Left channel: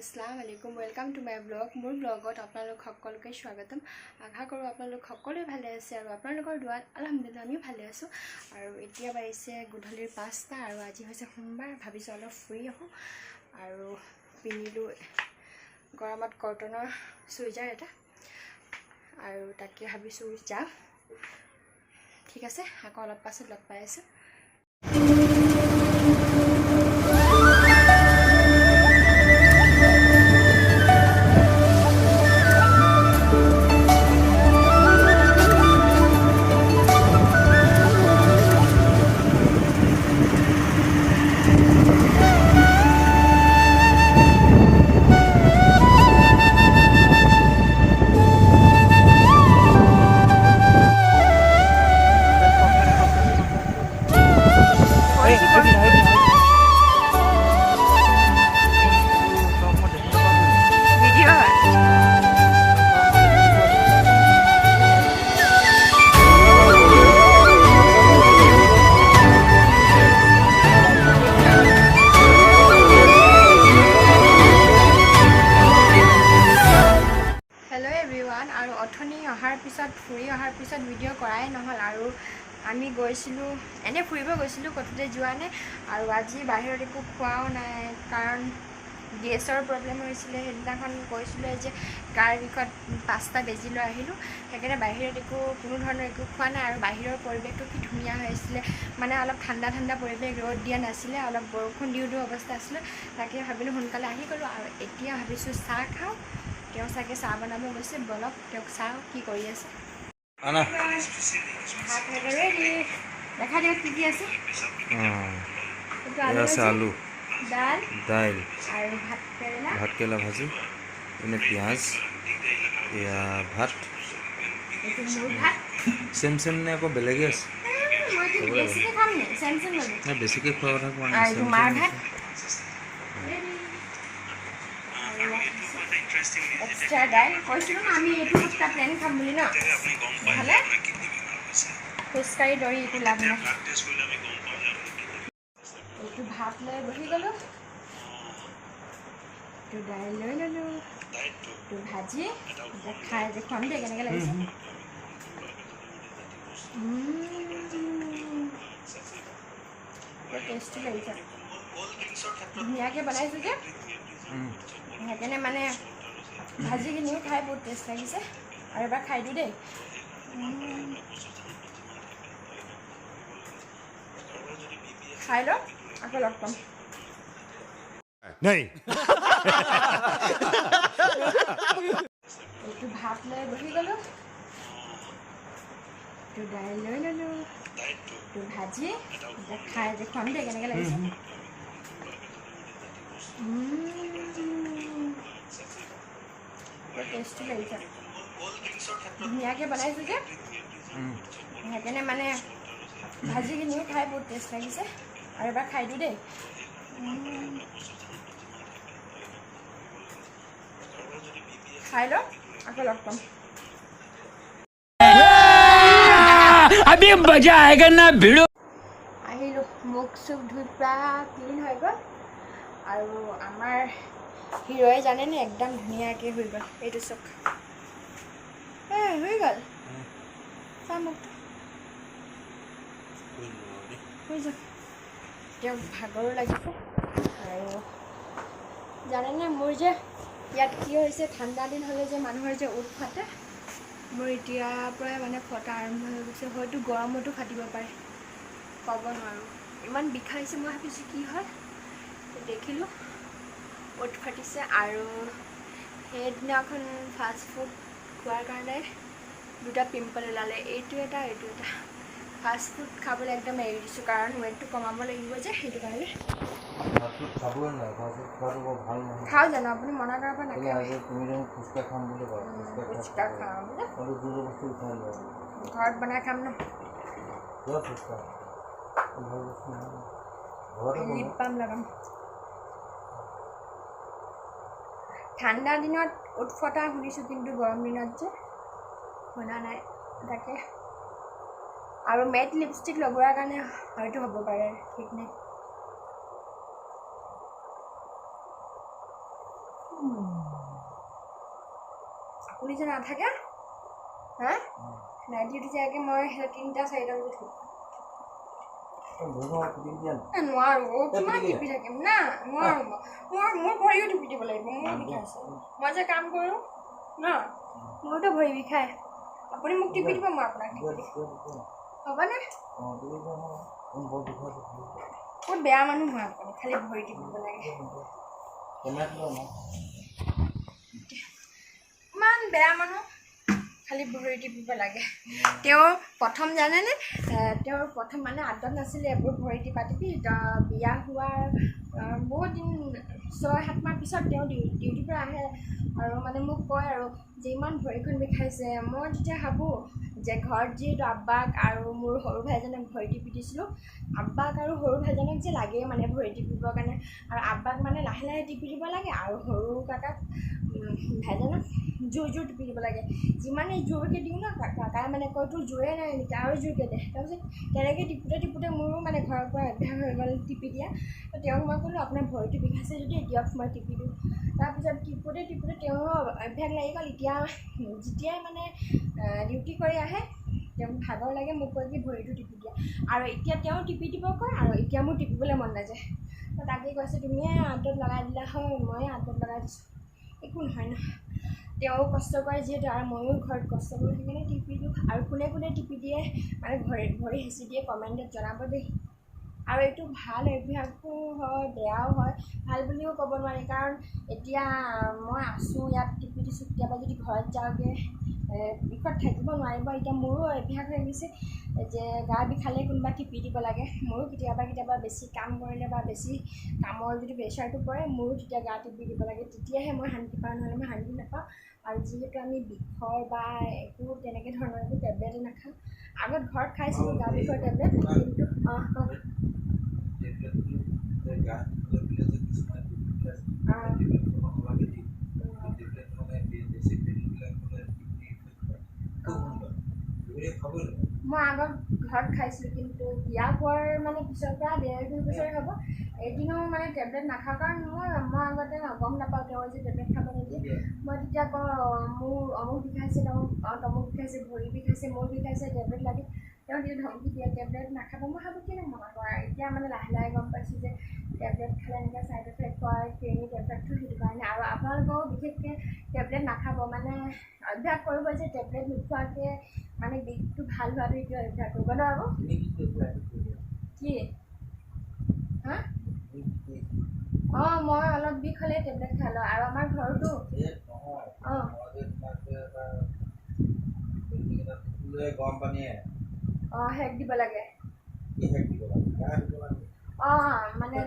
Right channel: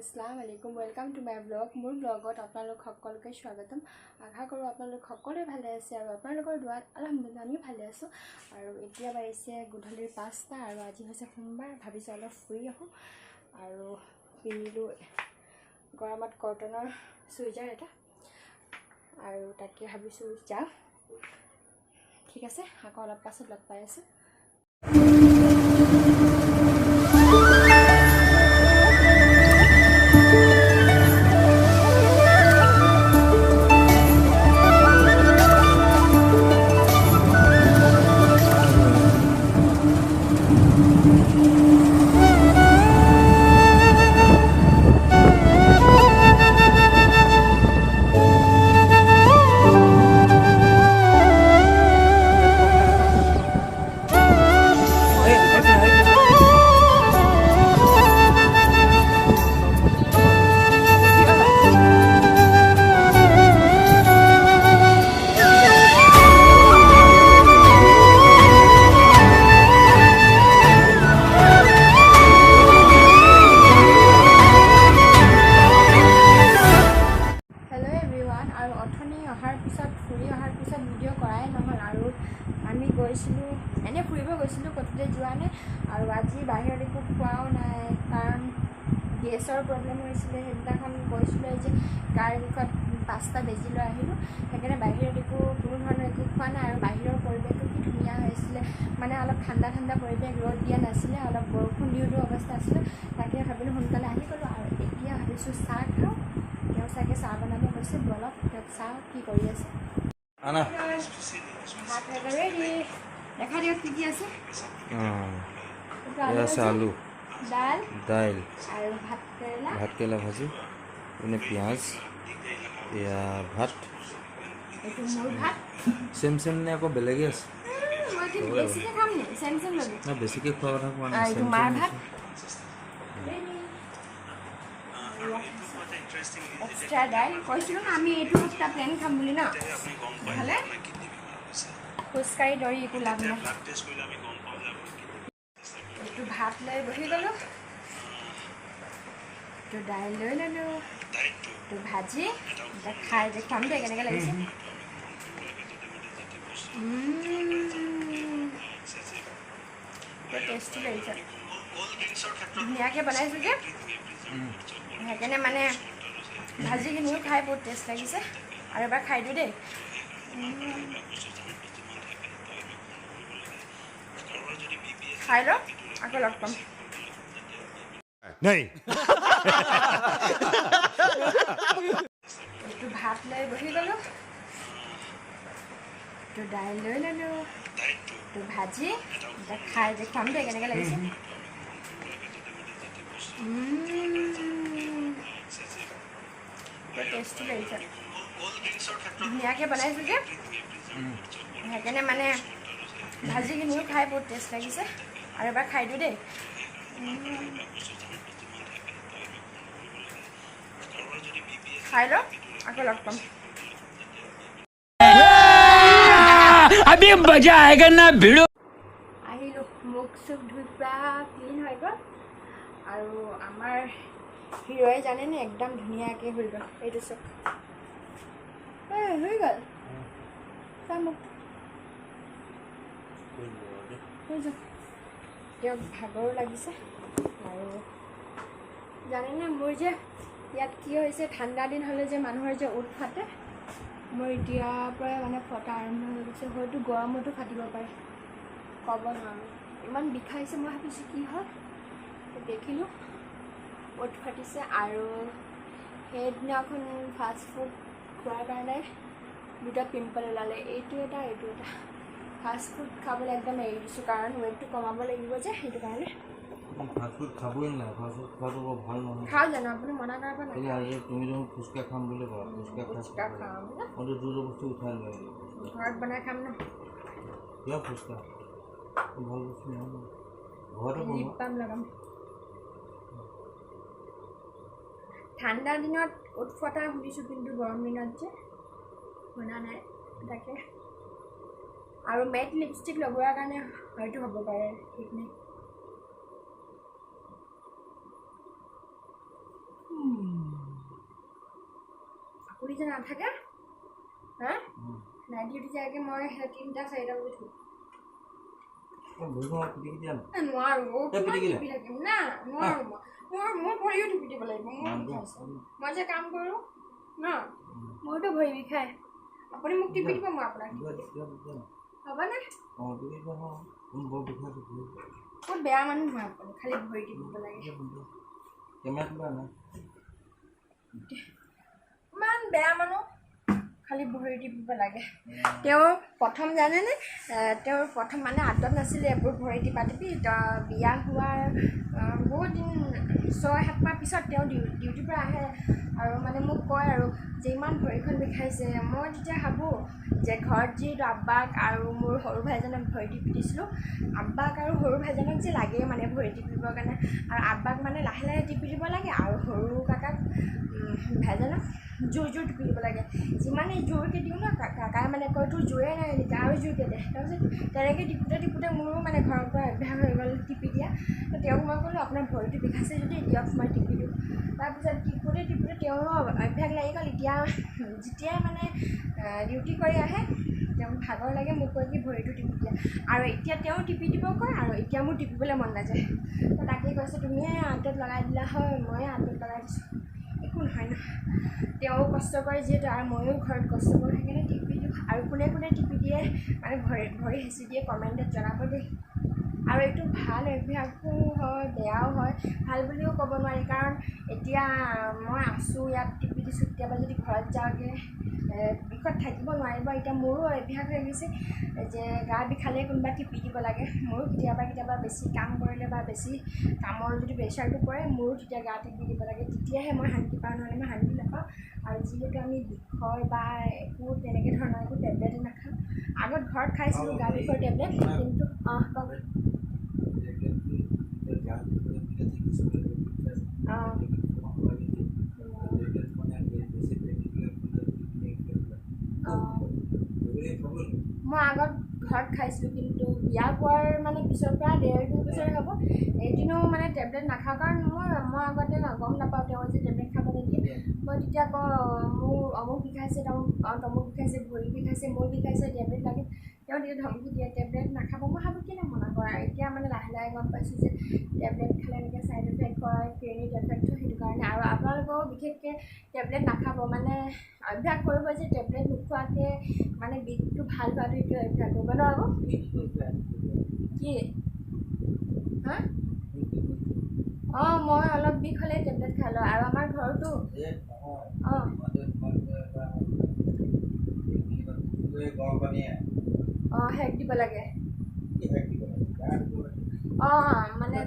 আসসালামু আলাইকুম welcome to my blog মোৰ ব্লগত আপোনালোক সকলোকে স্বাগতম আশা কৰোঁ আপোনালোক সকলোৱে ভালে আছে আৰু আপোনালোকৰ দুৱাত আলহামদুলিল্লাহ আমিও ভালে আছোঁ আৰু এতিয়া বাজিছে গধূলিৰ 5টা আৰু আজি হৈছে সোমবাৰ ভাবিছোঁ অলপ ফুৰি আহোঁ আৰু পিন্ধিলোঁ গৰমত কটনৰ চুইজাৰ এটা আৰু তাকে ভাবিছোঁ যাওঁ ঠিক আছে আকৌ অলপ পাছত লগ পাই আছোঁ আৰু অথনি অহাৰ পিছত ফুৰি অহাৰ পিছত ভিডিঅ' কৰাই নহ'ল আৰু আমি গৈছিলোঁ এনে ফুৰিব গৈছিলোঁ ক'তোতে যোৱা নাই আৰু আজি বাহিৰত একো খোৱাও নাই কাৰণ গেছৰ প্ৰব্লেম হৈছিলে সেইদিনাখন গৈছিলোঁ যে গাৰ বিষত 5টা বেজি লৈ আহিলোঁ সেইকাৰণে বাহিৰত কোনো ধৰণৰ একো খোৱা নাই আৰু বাহিৰৰ পৰিৱেশটো কি ধুনীয়া হৈ আছিলে মানে অলপ ঠাণ্ডা পৰিৱেশ ৰ'দ দিয়া নাছিলে অলপ বৰষুণ দিওঁ অৱস্থা আছিলে তাকে ভাবিলোঁ সোনকালে আহি গ'লোঁ আৰু এতিয়া ভাবিছোঁ চাহ খাওঁ তেওঁ চাগে চাহ বনাব গৈছে বলক তেওঁক চাওঁ কি কৰি আছে ভাত ৰেডি দেখা দিয়ক কি আছে আলু দাইল আৰু ভাতকেৰেলা ভাজি এনে পিঁয়াজ এয়া ভাত চেম নে আকৌ বেলেগে আছে নাই বেছিকৈ খোৱা কথা কোৱা নাই এক্সট্ৰা দাইল কৈছিলোঁ আমি এইটো সপ্তাহ প্লেন খাম বুলি ন নহ'লে খোজকাঢ়ি দৌৰি একো লাভ নাই এইটো ভাত লৈ বহি গ'লোঁ এইটো দাইল লৈ ল'লোঁ এইটো ভাজি এতিয়া খাই দেখুৱাম দেই কেনেকৈ লাগিছে টেষ্টি লাগিছে ধুনীয়াকৈ বনাইছোঁ যে সেইকাৰণে মানে ভাজিখিনিও খাই বহুত টেষ্ট লাগিছে আৰু এবাৰ খাই দিওঁ দেই খাই লওঁ আকৌ লগ পাম এইটো ভাত লৈ বহি গ'লোঁ এইটো দাইল লৈ ল'লোঁ এইটো ভাজি এতিয়া খাই দেখুৱাম দেই কেনেকৈ লাগিছে টেষ্টি লাগিছে ধুনীয়াকৈ বনাইছোঁ যে সেইকাৰণে মানে ভাজিখিনিও খাই বহুত টেষ্ট লাগিছে আৰু এবাৰ খাই দিওঁ দেই খাই লওঁ আকৌ লগ পাম আহিলোঁ মুখ চুখ ধুই প্ৰায় ক্লিন হৈ গ'ল আৰু আমাৰ হিৰোৱে জানেনে একদম ধুনীয়াকৈ হৈ গ'ল এইটো চক হৈ গ'ল চা মুখটো হৈ যাওক তেওঁক ভাগৰো লাগিছে আৰু জানেনে মোৰ যে ইয়াত কি হৈছে ঠাণ্ডা দিন হ'লে যে মানুহৰ যে উঠ ফাটে মোৰ এতিয়াৰ পৰাই মানে ফটা আৰম্ভ হৈ গৈছে হয়তো গৰমতো ফাটিব পাৰে ক'ব নোৱাৰোঁ ইমান বিষাইছে মই ভাবিছোঁ কি হয় দেখিলোঁ উঠ ফাটিছে আৰু সেইদিনাখন ফাষ্ট ফুড খোৱাৰ কাৰণে 2টা পিম্পল ওলালে এইটো এটা ফাষ্ট ফুড খাবলৈ একদম এৰি দিছোঁ কাৰণ ৱেইটটো কমাব লাগিব যে সেইটো কাৰণে খাওঁ জানো আপুনি মনা কৰাৰ পৰা নাখায় তুমি দেখোন ফুচকা খাম বুলি কোৱা ফুচকা খাম ঘৰত বনাই খাম ন ফুচকা লিপ বাম লগাম ঠাণ্ডা দিনত উঠ ফটা শুনিছোঁ কিন্তু গৰম দিনত যে শুনা নাই তাকে আৰু মেট লিপষ্টিক লগোৱাৰ কাৰণে হয়তো হ'ব পাৰে ঠিক নাই আপুনি যে নাথাকে হা নাইট ডিউটি যায়গৈ মই 3টা 4টা বজাত উঠোঁ নোৱাৰোঁ কিমান টিপি থাকিম না নোৱাৰোঁ মোৰ ভৰিও টিপি দিব লাগিব মোৰ বিষাইছে মই যে কাম কৰোঁ ন মোৰতো ভৰি বিষায় আপুনি মোক টিপি দিব মই আপোনাক হ'বনে বহুত বেয়া মানুহ হয় আপুনি খালি ভৰি টিপিব লাগে ইমান বেয়া মানুহ খালি ভৰি টিপিব লাগে তেওঁ প্ৰথম জানেনে তেওঁৰ প্ৰথম মানে আদত নাছিলে এইবোৰ ভৰি টিপা টিপি বিয়া হোৱাৰ বহুত দিন 6-7 মাহ পিছত তেওঁ ডিউটিৰ পৰা আহে আৰু মানে মোক কয় আৰু যে ইমান ভৰিখন বিষাইছে মই তেতিয়া ভাবোঁ যে ঘৰত যিহেতু আব্বাক আৰু মোৰ সৰু ভাইজনক ভৰি টিপি দিছিলোঁ আব্বাক আৰু সৰু ভাইজনক যে লাগেই মানে ভৰি টিপিবৰ কাৰণে আৰু আব্বাক মানে লাহে লাহে টিপি দিব লাগে আৰু সৰু কাকাক ভাইজনক জোৰ টিপি দিব লাগে যিমানেই জোৰকৈ দিওঁ ন কাকাই মানে কয় তোৰ জোৰে নাই নেকি আৰু জোৰকৈ দে তাৰপিছত তেনেকৈ টিপোতে মোৰো মানে ঘৰৰ পৰা অভ্যাস হৈ গ'ল টিপি দিয়া তো তেওঁক মই ক'লোঁ আপোনাৰ ভৰিটো বিষাইছে যদি দিয়ক মই টিপি দিওঁ তাৰপিছত টিপোতে তেওঁৰো অভ্যাস লাগি গ'ল এতিয়া যেতিয়াই মানে ডিউটি কৰি আহে তেওঁ ভাগৰ লাগে মোক কয় কি ভৰিটো টিপি দিয়া আৰু এতিয়া তেওঁ টিপি দিব কয় আৰু এতিয়া মোৰ টিপিবলৈ মন নাযায় তো তাকেই কৈছে তুমিয়ে আঁতত লগাই দিলা হয় ময়ে আঁতত লগাই দিছোঁ একো নহয় ন তেওঁ কষ্ট কৰে যিহেতু আৰু ময়ো ঘৰত কষ্ট কৰি সেইকাৰণে টিপি দিওঁ আৰু কোনে কোনে টিপি দিয়ে মানে ভৰি হেঁচি দিয়ে কমেণ্টত জনাব দেই আৰু এইটো ভাল অভ্যাসো হয় বেয়াও হয় ভাল বুলিও ক'ব নোৱাৰি কাৰণ এতিয়া মই আছোঁ ইয়াত টিপি দিছোঁ কেতিয়াবা যদি ঘৰত যাওঁগৈ বিষত থাকিব নোৱাৰিব এতিয়া মোৰো অভ্যাস হৈ গৈছে যে গা বিষালে কোনোবা টিপি দিব লাগে মোৰো কেতিয়াবা বেছি কাম কৰিলে বা বেছি কামৰ যদি প্ৰেছাৰটো পৰে মোৰো তেতিয়া গা টিপি দিব লাগে তেতিয়াহে মই শান্তি পাওঁ নহ'লে মই শান্তি নাপাওঁ আৰু যিহেতু আমি বিষৰ বা একো তেনেকৈ ধৰণৰ একো টেবলেটেই নাখাওঁ আগত ঘৰত খাইছিলোঁ গা বিষৰ টেবলেট কিন্তু কওক মই আগত ঘৰত খাইছিলোঁ কিন্তু বিয়া পোৱাৰ মানে পিছৰ পৰা 1.5-2 বছৰে হ'ব এদিনো মানে টেবলেট নাখাওঁ কাৰণ মই আগতে গম নাপাওঁ তেওঁ যে টেবলেট খাব নিদিয়ে মই তেতিয়া কওঁ মোৰ অমুক বিষাইছে তমুক বিষাইছে ভৰি বিষাইছে মোৰ বিষাইছে টেবলেট লাগে তেওঁ তেতিয়া ধমকি দিয়ে টেবলেট নাখাব মই ভাবোঁ কেনে মনা কৰা এতিয়া মানে লাহে লাহে গম পাইছোঁ যে টেবলেট খালে এনেকৈ ছাইড এফেক্ট হয় ক্লিনিক এফেক্ট হয় সেইটো কাৰণে আৰু আপোনালোকেও বিশেষকৈ টেবলেট নাখাব মানে অভ্যাস কৰিব যে টেবলেট নোখোৱাকৈ মানে বিষটো ভাল হোৱাটো সেইটো অভ্যাস কৰিব নোৱাৰিব কি হা মই অলপ বিষ হ'লে টেবলেট খাই লওঁ আৰু আমাৰ ঘৰতো হেক দিব লাগে মানে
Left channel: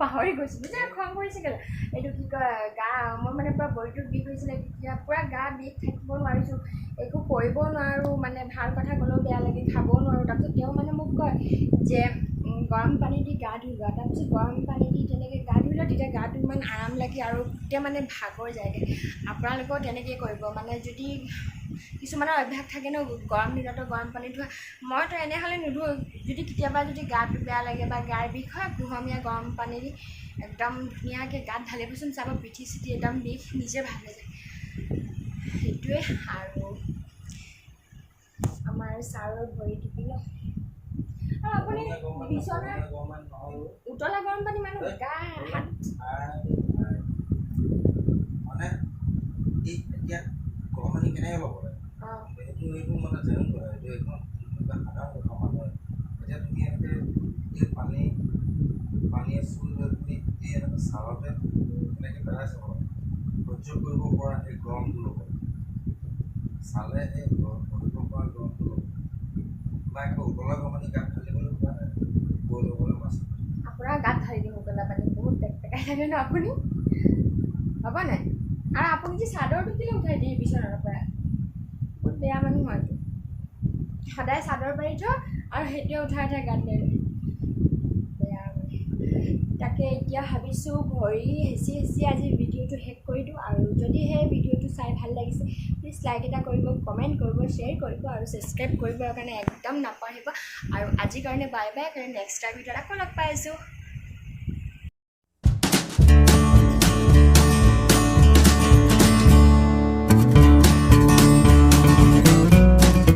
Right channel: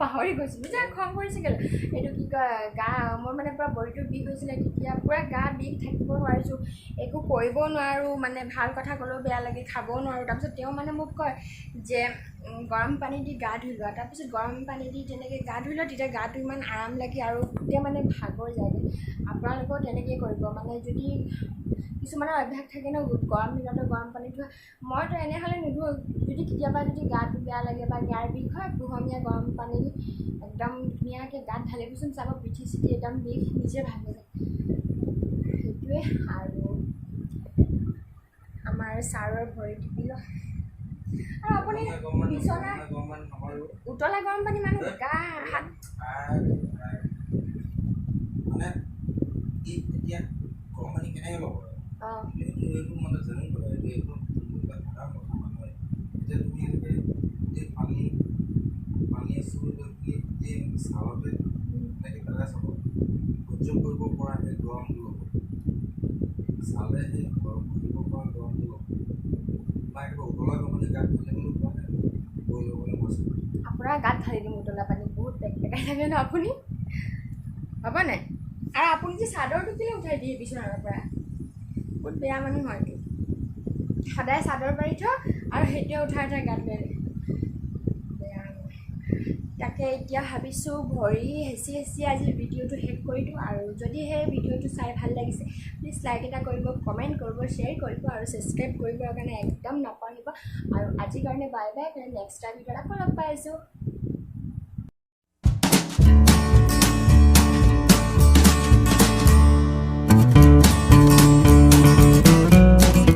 পাহৰি গৈছিলোঁ যে খং কৰিছিলে এইটো কি কয় গা মোৰ মানে পূৰা ভৰিটো বিষ হৈছিলে তেতিয়া পূৰা গা বিষ থাকিব নোৱাৰিছোঁ একো কৰিবও নোৱাৰোঁ মানে ভাল কথা ক'লেও বেয়া লাগে খাবও নোৱাৰোঁ তাৰপিছত তেওঁ মানে মোক কয় যে গৰম পানী দি গা ধুই লোৱা তাৰপিছত গৰম পানী দি তেনেকৈ গা ধুই লোৱা তেতিয়া গাটো ইমান আৰাম লাগে আৰু তেতিয়া মানে ভাগৰ যায়গৈ আপোনালোকেও তেনেকৈ কৰিব মানে যদি কিছুমানৰ অভ্যাস থাকে ন গৰম দিনতো গৰম পানী ধোৱা মইতো এনেহ'লে নুধুওঁ যদি কেতিয়াবা যদি গাটো বেয়া লাগে বা গাৰ বিষ হয় কুহুমীয়া গৰম পানী দি একদম ধুনীয়াকৈ গাত ঢালিবচোন চাব পিঠি চিঠি একদম বিষ নিজে ভাল হৈ যায় সেইটোৱে আৰু আমাৰ ছাৰৰ ভৰি টিপি লয় আৰু আপুনি বিচনাৰ উতলা গৰম পানী মানে গা হাত মানে এতিয়া গৰম পানী কেনেকৈ ল'ব লাগে এইটো মানে জানিব লাগে এইটো একদম সাধাৰণ কথা মানুহে এতিয়া তুমি এনেকৈ এই পানী আছোঁ লৈ পিনি এই এনেকৈ চালতে এনেকৈ পেলাই চাব সহ্য কৰিব পৰা সেই গৰমটো ল'ব চালে সেই কৰিব পৰা গৰমটো ল'ব বা একেবাৰে উতলা গৰম পানী গাত ঢালিবলৈ পোৱা নাই বৈ ল'বলৈ মাছ আপোনাৰ গাত ঢালি দিম উতলা পানী বহুত পেকপেকাই থাকে ন আপুনি হ'ব নাই আৰু আপুনি যে চাদৰটো কেলৈ উঠাই দিয়ে বিচনাৰ পৰা বহুত বেয়া মানুহ হয়তো সদায় চাদৰ পাৰি থওঁ আৰু সেইটোৱে উঠাই গাত লৈ বেয়া তাকে এতিয়া ভাবিছোঁ ভৰি হেঁচি আজি ভিডিঅ'টো শেষ কৰি দিওঁ আৰু যদি সেই ভিডিঅ'টো চাই ভাল লাগিছে প্লিজ লাইক এটা কৰিব কমেণ্ট কৰিব শ্বেয়াৰ কৰিব আৰু ছাবস্ক্ৰাইব কৰিবৰ কাৰণে একদম নাপাহৰিব আৰু আজিৰ কাৰণে বাই বাই কাৰণে নেক্সট ভিডিঅ'ত আকৌ লগ পাই আছোঁ